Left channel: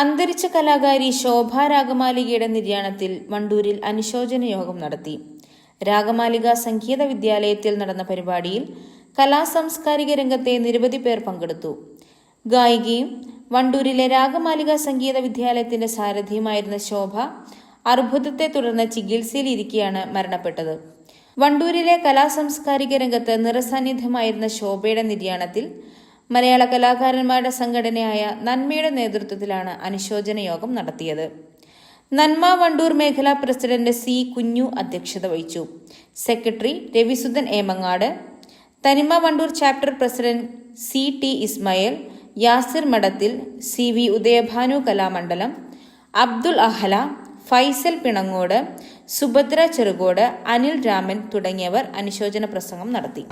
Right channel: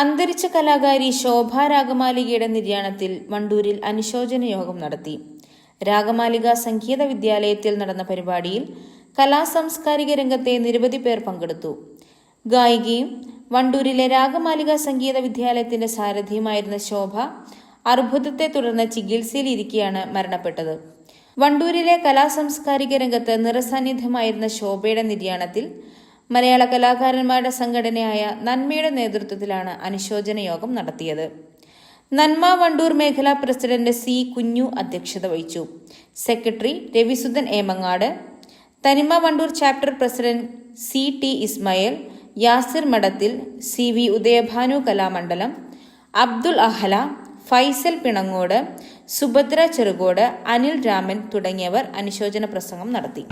അന്തരിച്ച കലാകാരി ശോഭ രാഗമാലികയുടെ നിര്യാണത്തിൽ വണ്ടൂരിൽ അനുശോചന യോഗം നടത്തി. രാഗമാലിക സംഗീത വിദ്യാലയത്തിൽ നടന്ന പരിപാടിയിൽ കലാസാംസ്കാരിക രംഗത്തെ നിരവധി പേർ പങ്കെടുത്തു. ഗായികയും വണ്ടൂരിലെ രാഗമാലിക സംഗീത വിദ്യാലയത്തിന്റെ സാരഥിയുമായിരുന്ന ശോഭ അർബുദത്തെ തുടർന്ന് ചികിത്സയിലിരിക്കെയാണ് മരണപ്പെട്ടത്. വണ്ടൂരിലെ കലാസാംസ്കാരിക രംഗത്ത് നിറസാന്നിധ്യമായിരുന്ന ശോഭയുടെ നിര്യാണത്തിൽ മലയാള കലാകാരന്മാരുടെ സംഘടനയായ നന്മയുടെ നേതൃത്വത്തിലാണ് അനുശോചന യോഗം നടത്തിയത്. നന്മ വണ്ടൂർ മേഖലാ പ്രസിഡന്റ് സി കുഞ്ഞു അധ്യക്ഷത വഹിച്ചു. സെക്രട്ടറി രവിസുധൻ ഏമങ്ങാട്, തനിമ Wandoor chapter president C T Ismail, Yasir മഠത്തിൽ, സി വി ഉദയഭാനു കലാമണ്ഡലം, അബ്ദുൽ അഹല, ഫൈസൽ പിണങ്ങോട്, സുഭദ്ര ചെറുകോട്, അനിൽ രാമൻ തുടങ്ങിയവർ അനുശോചന പ്രസംഗം നടത്തി.